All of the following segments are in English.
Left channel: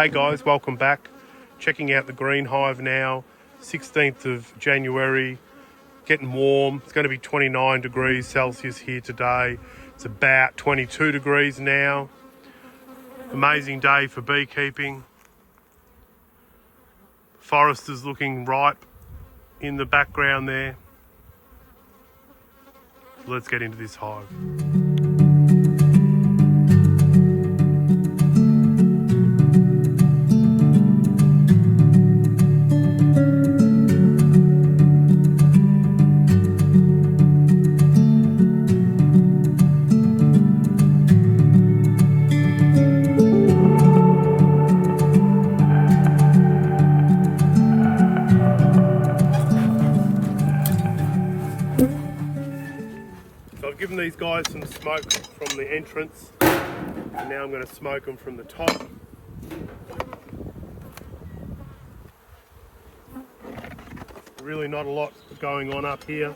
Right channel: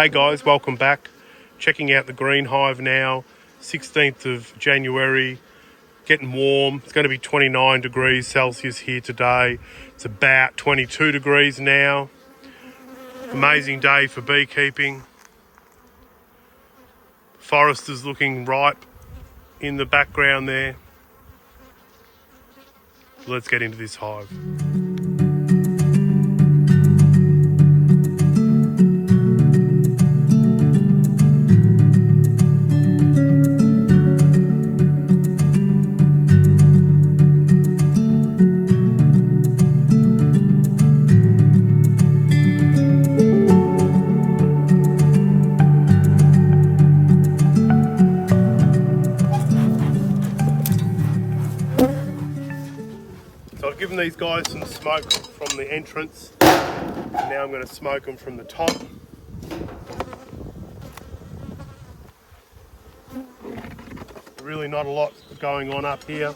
Hey guys, welcome back. Checking out the Green Hive now, 16th of January, getting warm. It's going to be 29 degrees Celsius here today. It's about 22 degrees now. Amazing day for beekeeping. Forest is looking ripe in the background there. Let's get into this hive. So I've given these guys some smoke from the entrance, and now I'm going to smoke them from the top. Really not a lot going on up here.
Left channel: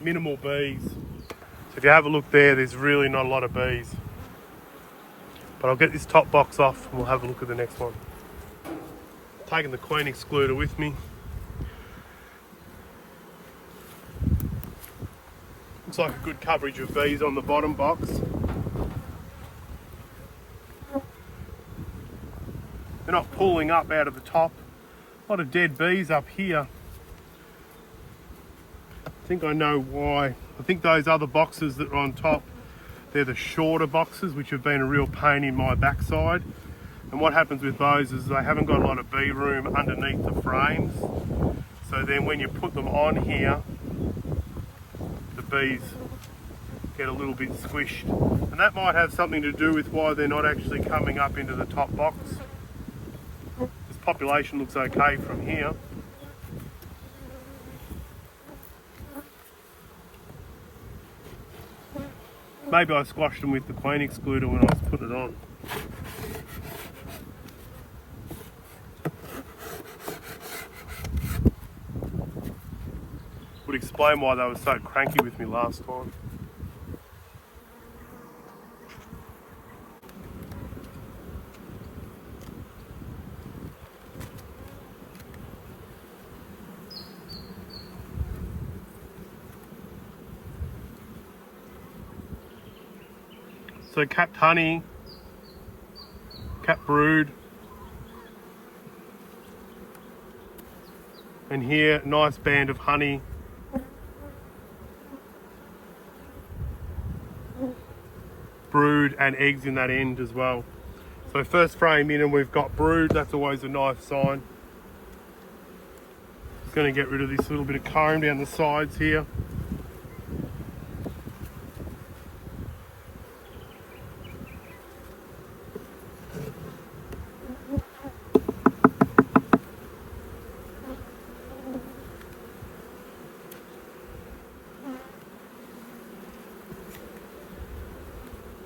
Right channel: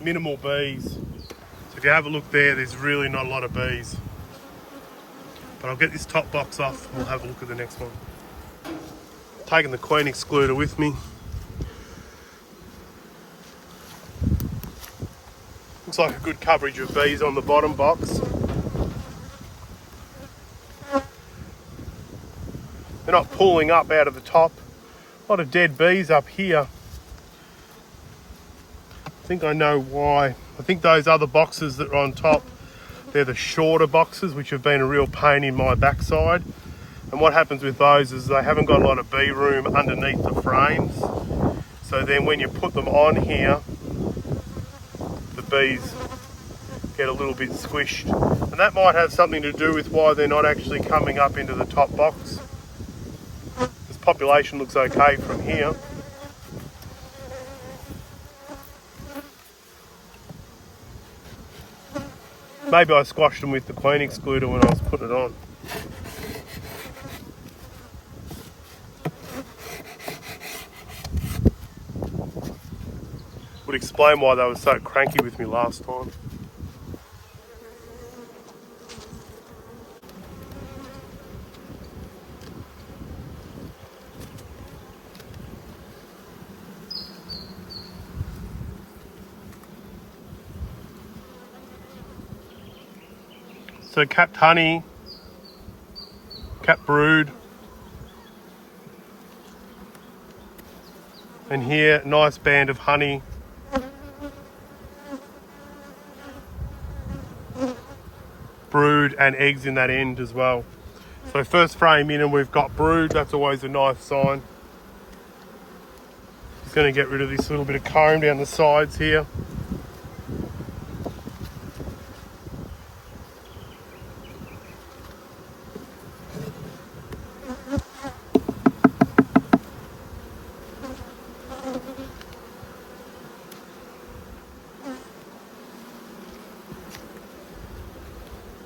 Minimal bees. So if you have a look there, there's really not a lot of bees. But I'll get this top box off and we'll have a look at the next one. Taking the queen excluder with me. Looks like a good coverage of bees on the bottom box. They're not pulling up out of the top. A lot of dead bees up here. I think I know why. I think those other boxes that are on top, they're the shorter boxes, which have been a real pain in my backside. And what happens with those is they haven't got a lot of bee room underneath the frames. So then when you put them on here, the bees get a little bit squished. And that might have something to do with why they're not actually coming up into the top box. This population looks okay from here. Maybe I squashed them with the queen excluder when I was putting it on. Would explain why they were so cranky with me last time. So capped honey, capped brood, and here nice band of honey. Brood and eggs in that end as well. So first frame in and we've got brood, that's always a nice sign. Just going to get rid of this little bit of comb down the sides here.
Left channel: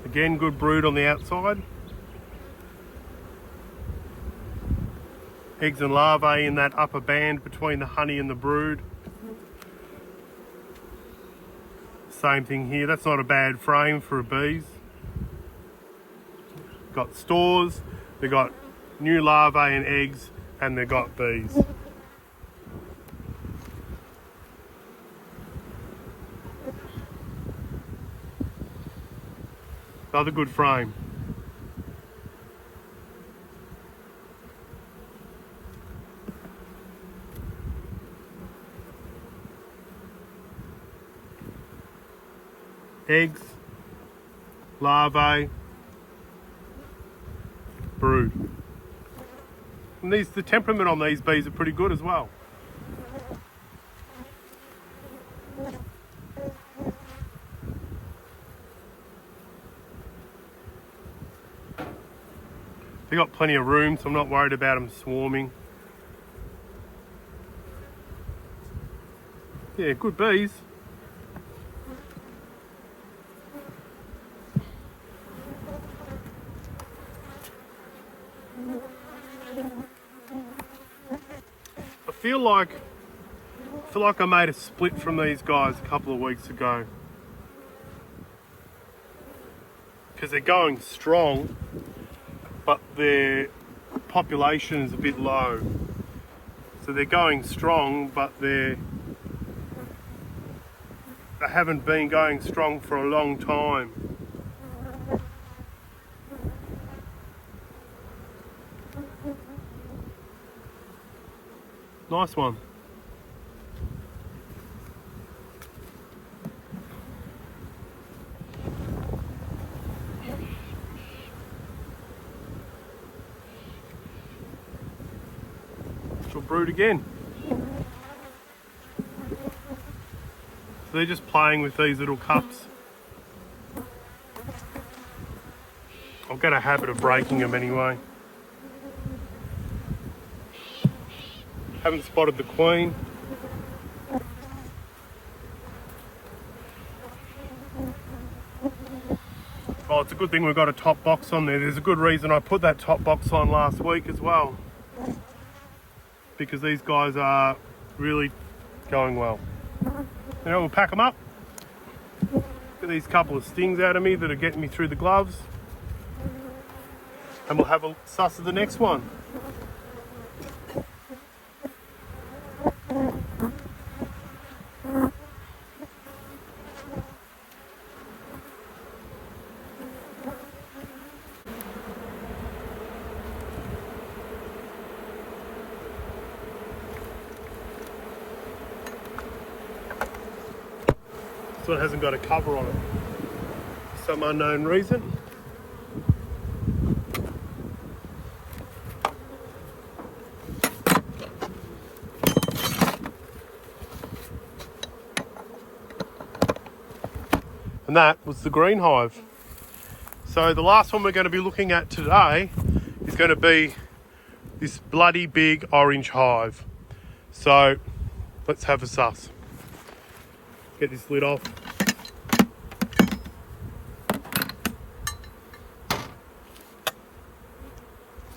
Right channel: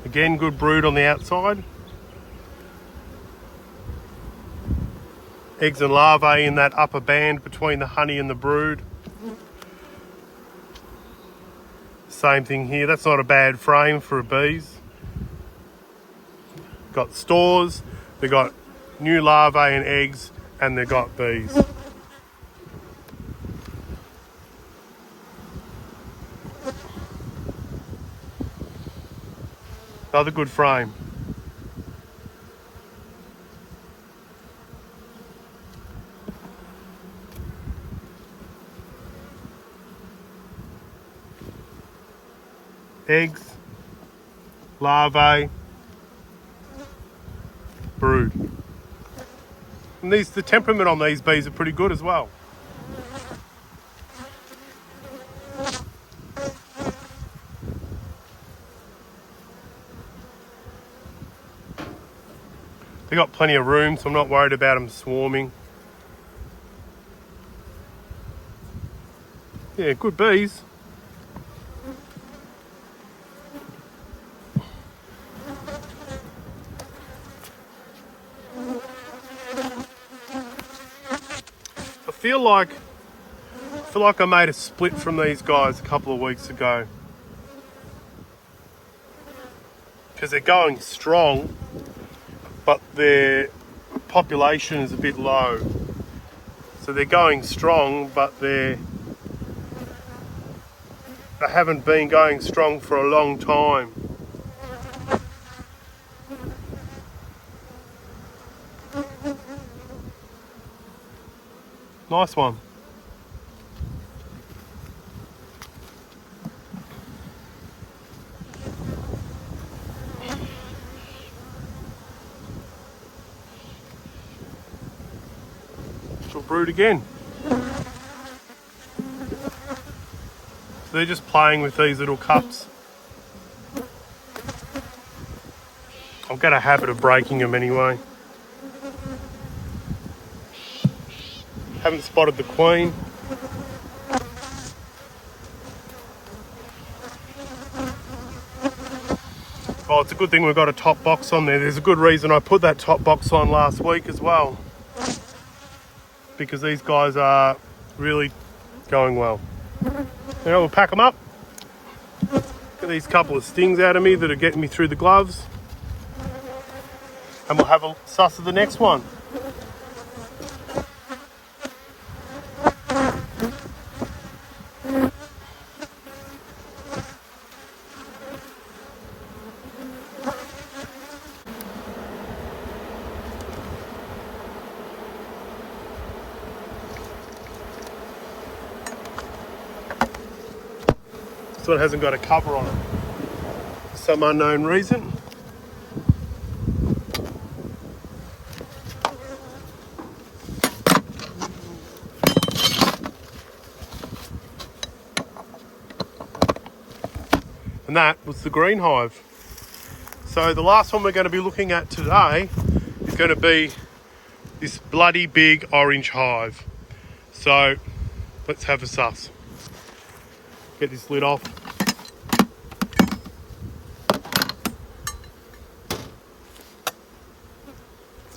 Again, good brood on the outside. Eggs and larvae in that upper band between the honey and the brood. Same thing here, that's not a bad frame for bees. Got stores, they've got new larvae and eggs, and they've got bees. Another good frame. Eggs, larvae, brood. And the temperament on these bees are pretty good as well. They've got plenty of room, so I'm not worried about them swarming. Yeah, good bees. I feel like I made a split from these guys a couple of weeks ago. because they're going strong, but their population is a bit low. So they're going strong, but they haven't been going strong for a long time. Nice one. We'll brood again. So they're just playing with these little cups. I'll get a habit of breaking them anyway. Haven't spotted the queen. Oh, it's a good thing we've got a top box on there. There's a good reason I put that top box on last week as well, because these guys are really going well. Now we'll pack them up. Get these couple of stings out of me that are getting me through the gloves, and we'll have a suss of the next one. So it hasn't got a cover on it for some unknown reason. And that was the Green Hive. So the last one we're going to be looking at today is going to be this bloody big Orange Hive. So let's have a suss. Get this lid off.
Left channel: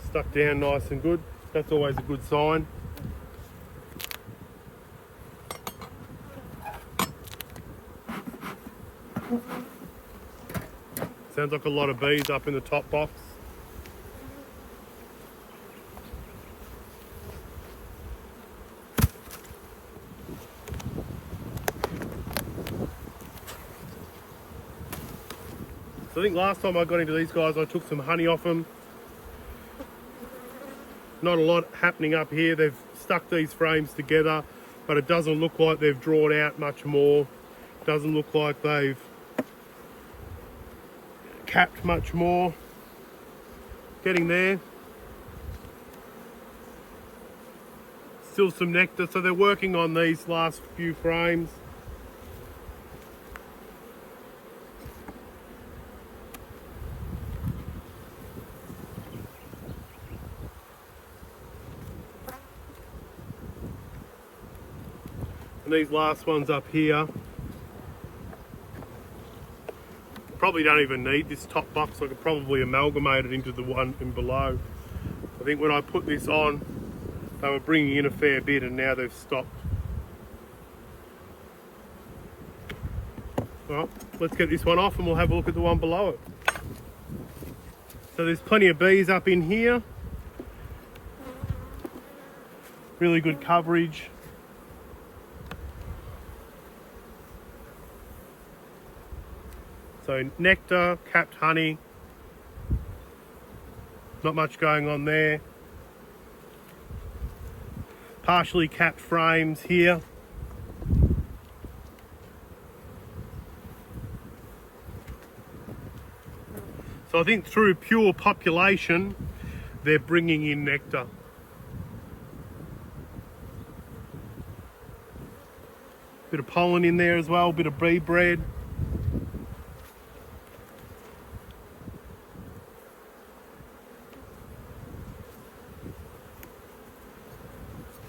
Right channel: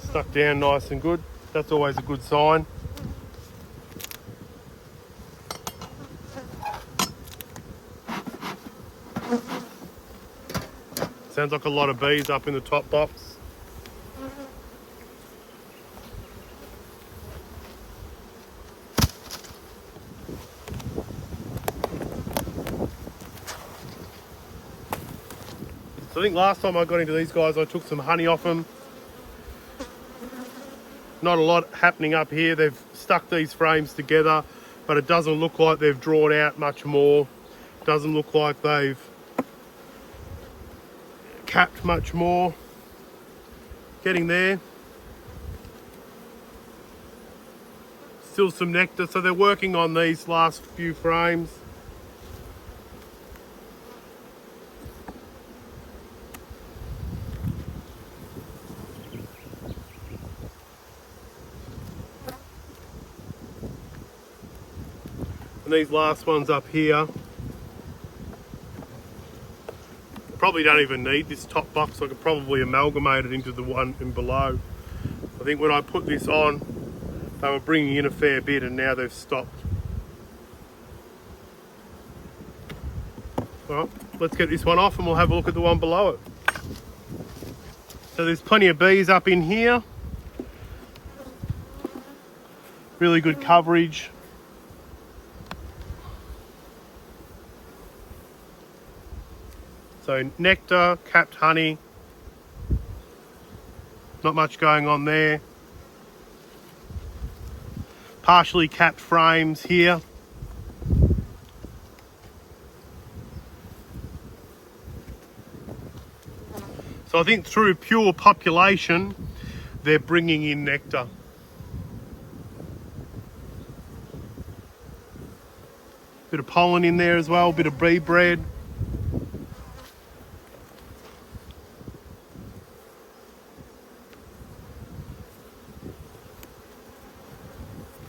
Stuck down nice and good. That's always a good sign. Sounds like a lot of bees up in the top box. So I think last time I got into these guys, I took some honey off them. Not a lot happening up here. They've stuck these frames together, but it doesn't look like they've drawn out much more. Doesn't look like they've capped much more. Getting there. Still some nectar, so they're working on these last few frames. And these last ones up here probably don't even need this top box. I could probably amalgamate it into the one in below. I think when I put this on, they were bringing in a fair bit, and now they've stopped. Well, let's get this one off and we'll have a look at the one below it. So there's plenty of bees up in here. Really good coverage. So nectar, capped honey, not much going on there. Partially capped frames here. So I think through pure population, they're bringing in nectar. Bit of pollen in there as well, bit of bee bread.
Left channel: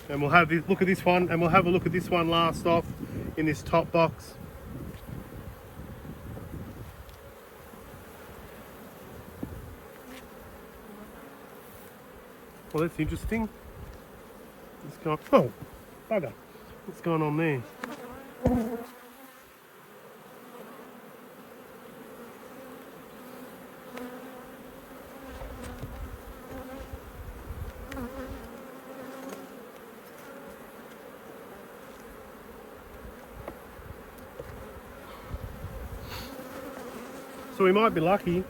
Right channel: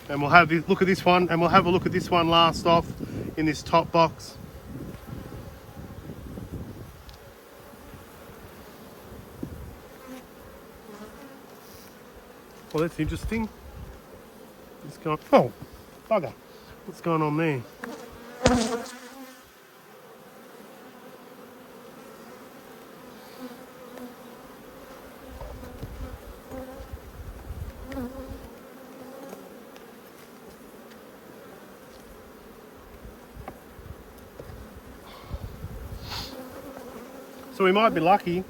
And we'll have a look at this one, and we'll have a look at this one last off in this top box. Well, that's interesting. What's going on? Oh, bugger. What's going on there? So we might be lucky.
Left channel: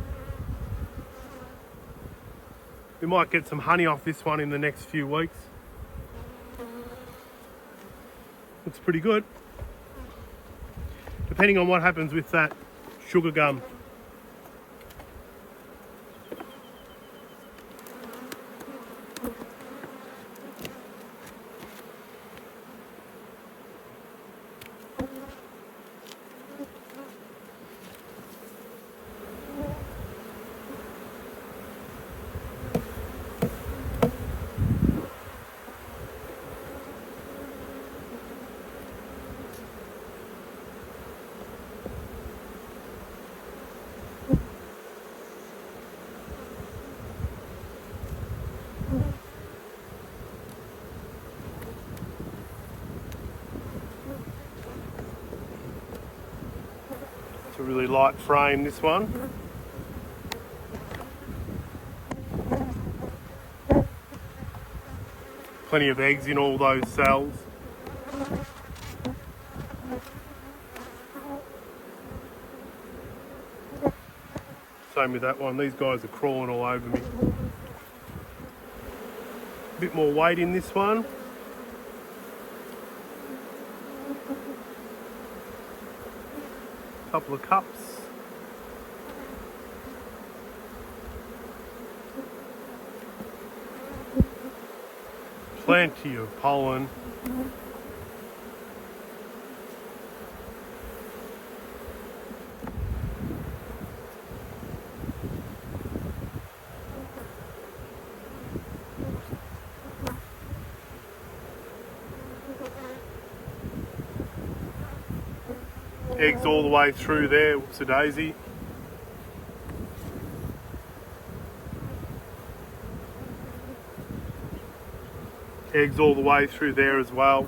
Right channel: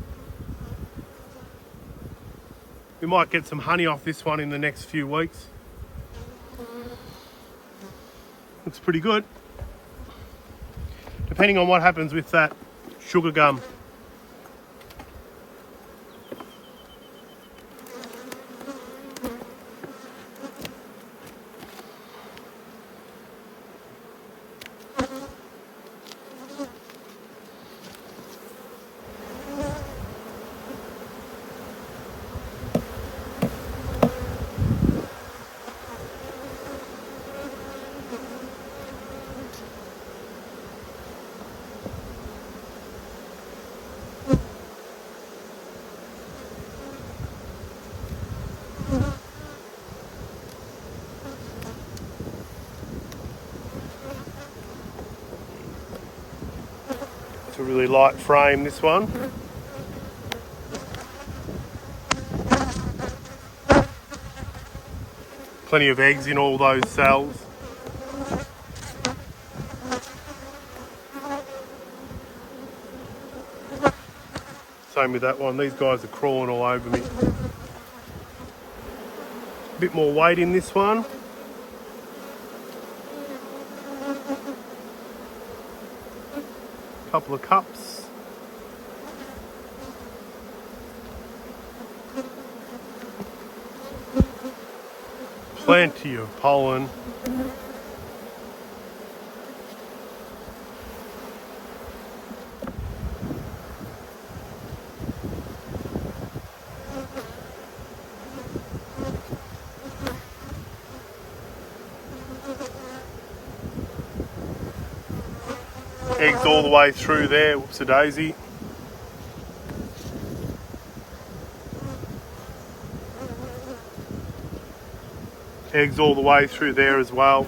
We might get some honey off this one in the next few weeks. Looks pretty good. Depending on what happens with that sugar gum. A really light frame, this one. Plenty of eggs in all those cells. Same with that one. These guys are crawling all over me. A bit more weight in this one. Couple of cups. Plenty of pollen. Eggs all the way through there, whoops-a-daisy. Eggs all the way through there as well.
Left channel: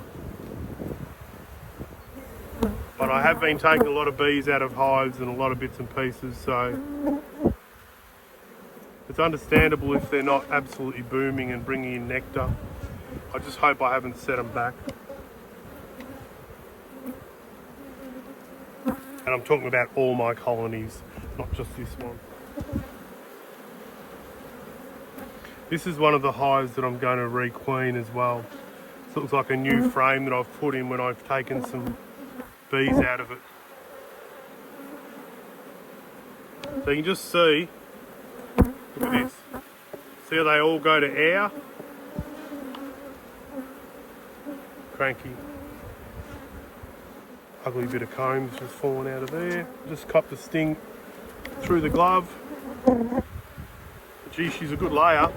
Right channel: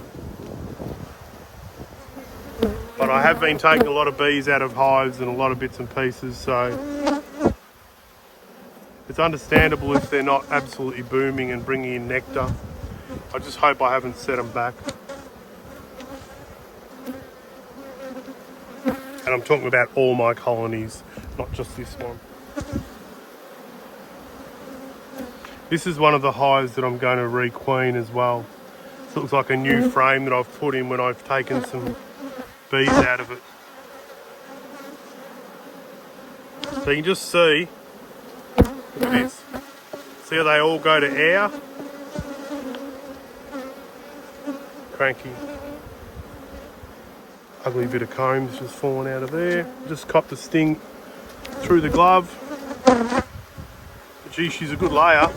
But I have been taking a lot of bees out of hives and a lot of bits and pieces, so it's understandable if they're not absolutely booming and bringing in nectar. I just hope I haven't set them back. And I'm talking about all my colonies, not just this one. This is one of the hives that I'm going to re-queen as well. This looks like a new frame that I've put in when I've taken some bees out of it. So you can just see, look at this. See how they all go to air? Cranky. Ugly bit of comb that's just fallen out of there. Just copped a sting through the glove. But gee, she's a good layer.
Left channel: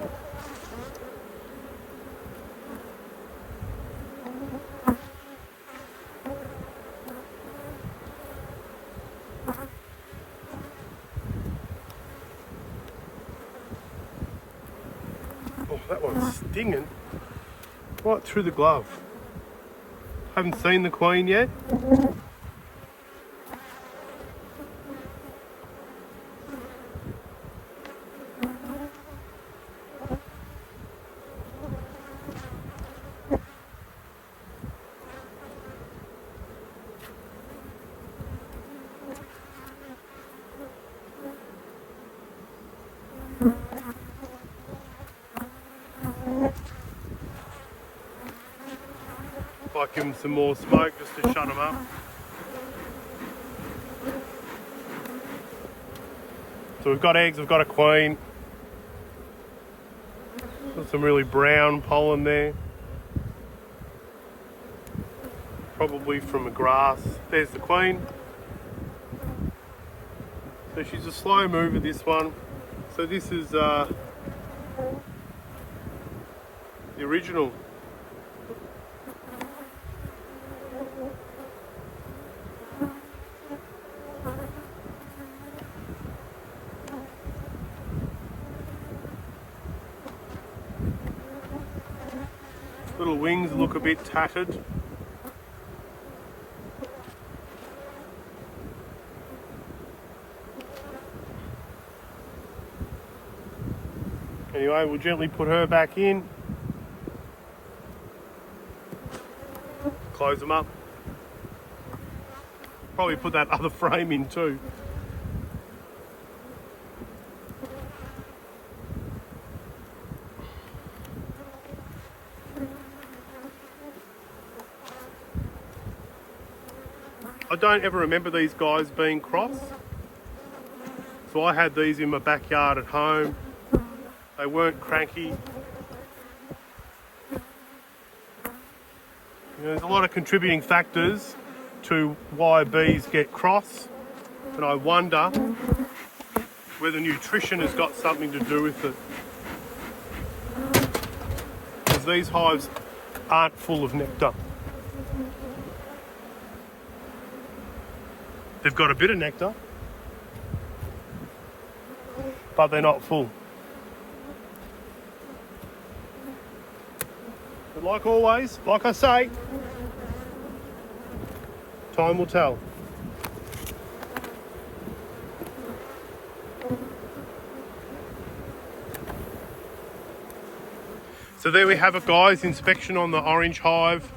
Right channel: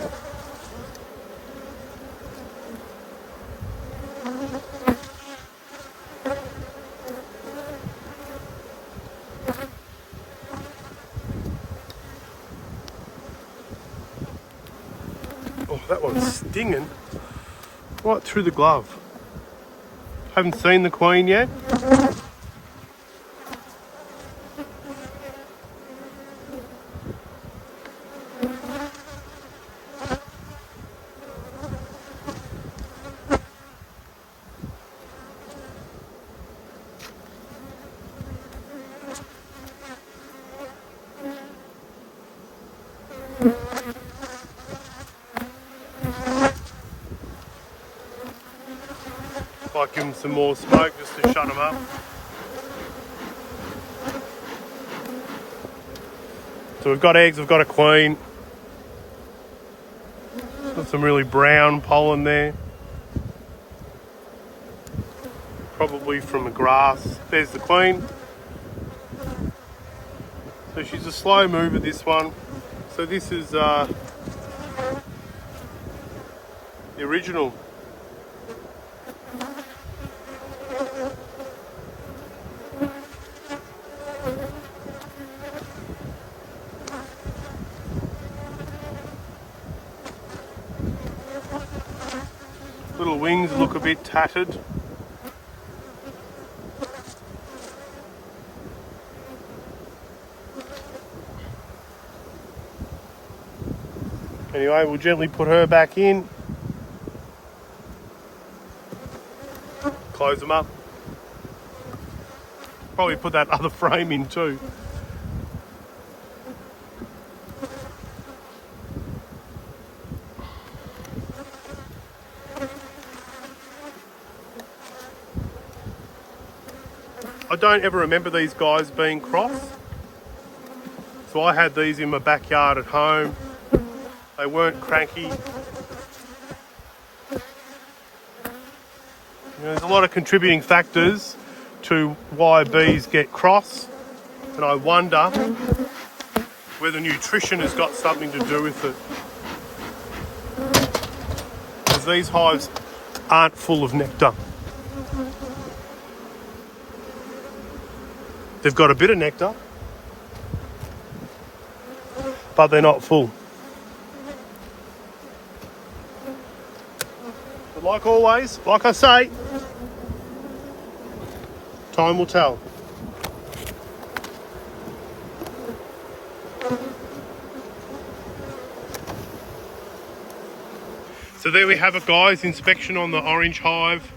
Oh, that one's stinging right through the glove. Haven't seen the queen yet. Might give them some more smoke just to shut them up. So we've got eggs, we've got a queen. Got some really brown pollen there. Probably from a grass. There's the queen. So she's a slow mover, this one. So this is the original. Little wings look a bit tattered. Anyway, we'll gently put her back in. Close them up. Probably put that other frame in too. I don't ever remember these guys being crossed. So I had these in my backyard at home. They weren't cranky. There's a lot of contributing factors to why bees get cross, and I wonder whether nutrition has got something to do with it. Because these hives aren't full of nectar. They've got a bit of nectar, but they're not full. Like always, like I say, time will tell. So there we have it, guys, inspection on the Orange Hive.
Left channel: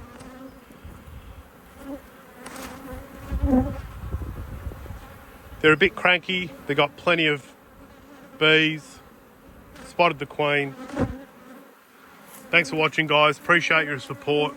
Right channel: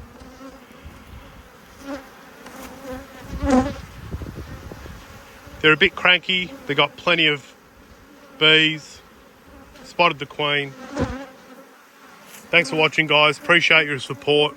They're a bit cranky, they got plenty of bees, spotted the queen. Thanks for watching, guys, appreciate your support.